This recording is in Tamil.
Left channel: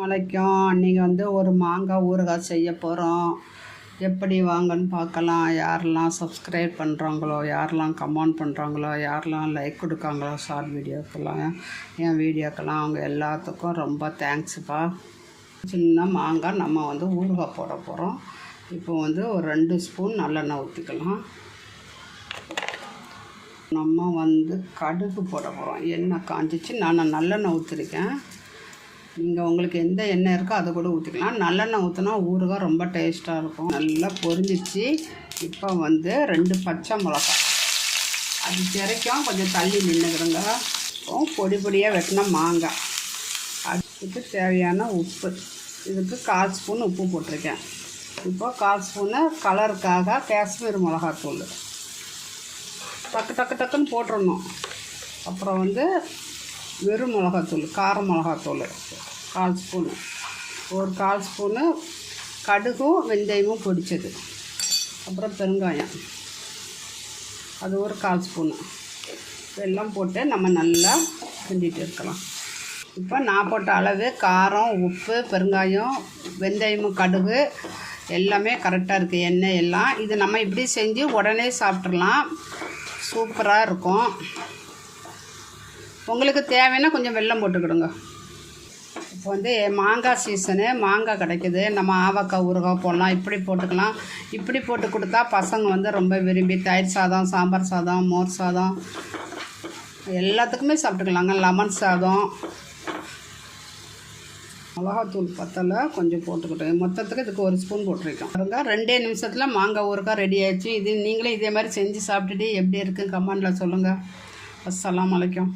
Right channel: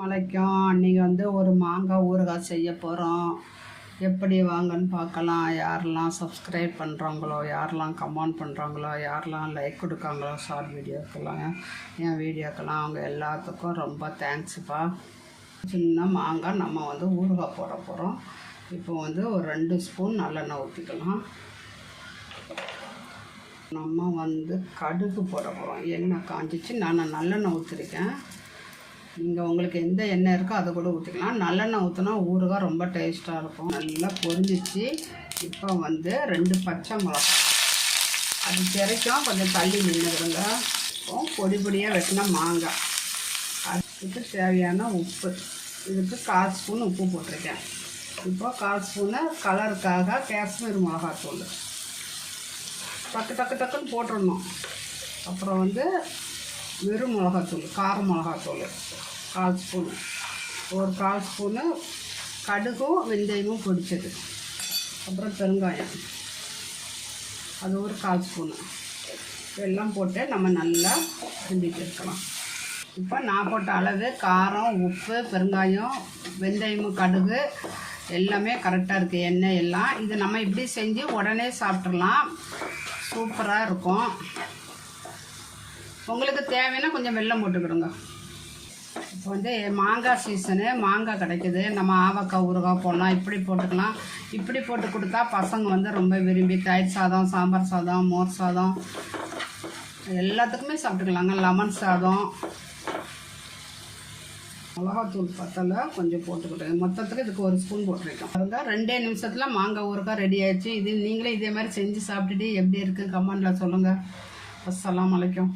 வணக்கம் அன்றைக்கி வந்து ஒரு மாங்காய் ஊறுகாய் செய்ய போகிறோம் எப்படி வாங்கன்னு பார்க்கலாம். யாரெல்லாம் சப்ஸ்கிரைப் பண்ணுறாங்களோ யாரெல்லாம் கமெண்ட் பண்ணுறாங்களோ யாரெல்லாம் லைக் கொடுக்காங்களோ ஷார்ட் வீடியோக்கெல்லாம் என் வீடியோக்கெல்லாம் அவங்க எல்லாத்துக்கும் ரொம்ப தேங்க்ஸுப்பா சின்ன மாங்காய் நம்ம வந்து ஊறுகாய் போட போகிறோம் இப்போ வந்து ஒரு ரெண்டு ஸ்பூன் நல்லெண்ணெய் ஊற்றிக்கலாம் நம்ம வந்து கடுகு போட போகிறோம் எண்ணெய் காஞ்சிச்சு. நான் நல்லெண்ணெய் ஊற்றிருக்கேன் நீங்கள் உங்களுக்கு எந்த எண்ணெய் இருக்கோ அதை கூட ஊற்றிக்கலாம் நல்லெண்ணெய் ஊற்றினா ஊறுகாய் ரொம்ப டேஸ்ட்டாக இருக்கும். நல்லா பொரிஞ்சிச்சு. இப்போ வந்து ரெண்டு பச்சை மிளகா. அது வரைக்கும் கொஞ்சம் தள்ளி நின்றுக்கிறோங்க இப்போ பொடி பொடியாக வெட்டின மாங்காய். அதுக்கு தேவையான உப்பு. இதுக்கு கால் ஸ்பூன் உப்பு போட்டிருக்கேன். இப்போ கால் ஸ்பூனு கலருக்காக காஷ்மீர் மிளகாத்தூள். டக்கு டக்கு டக்குன்னு போட்டுடணும் அப்புறம் வந்து வெறும் மிளகாத்தூள் கார மிளகாத்தூள் கால் ஸ்பூனு. ஒரு கால் ஸ்பூனு கடுகும் வெந்தயமும் பொடிச்சது. அப்புறம் பெருங்காயம். அது ஒரு கால் ஸ்பூனு. எல்லாம் போட்டு நம்ம நல்லா கிண்டிட்டு இருக்கலாம். இப்போ நான் போட்ட அளவு காரம் உப்பு பெருங்காயம் வெந்தயமும் கடுகு எல்லாமே கரெக்டாக இருக்குது எண்ணெய் எல்லாம். இது நம்ம இப்படி செஞ்சு உடனே சாப்பிட்றலாம் சூப்பராக இருக்கும். உங்களுக்கு தேவைன்னா கொஞ்சம் வெள்ளம் போட்டுக்கிடுங்க. இப்போ வந்து மாங்காய் சீசனு மாங்காய் கிடைக்குது. நம்ம ஆவக்காய் ஊறுகாய் போடலாம். இப்படி போட்டுக்கலாம். இப்படி போட்டு கொடுத்தா பசங்க வந்து ரொம்ப விரும்பி தயிர் சாதம் சாம்பார் சாதம் மோர் சாதம் எல்லாத்துக்குமே சாப்பிட்டுக்கலாங்க. லெமன் சாதம் மிளகாத்தூள் பத்தலை கொஞ்சம் போட்டுக்கிட்டேன் மொத்தத்துக்கு இதுக்கு ஒரு ஸ்பூன் போட்டிருக்கோம் பாருங்க ரெண்டே நிமிஷத்தில் மாங்காய் ஊறுகாய் ரெடி ஆயிடுச்சு. இது நீங்களே இதே மாதிரி செஞ்சு சாப்பிட்டுட்டு எப்படி இருக்குன்னு கமெண்டில் சொல்லுங்கள் அஸ்லாம் அலைக்கும்.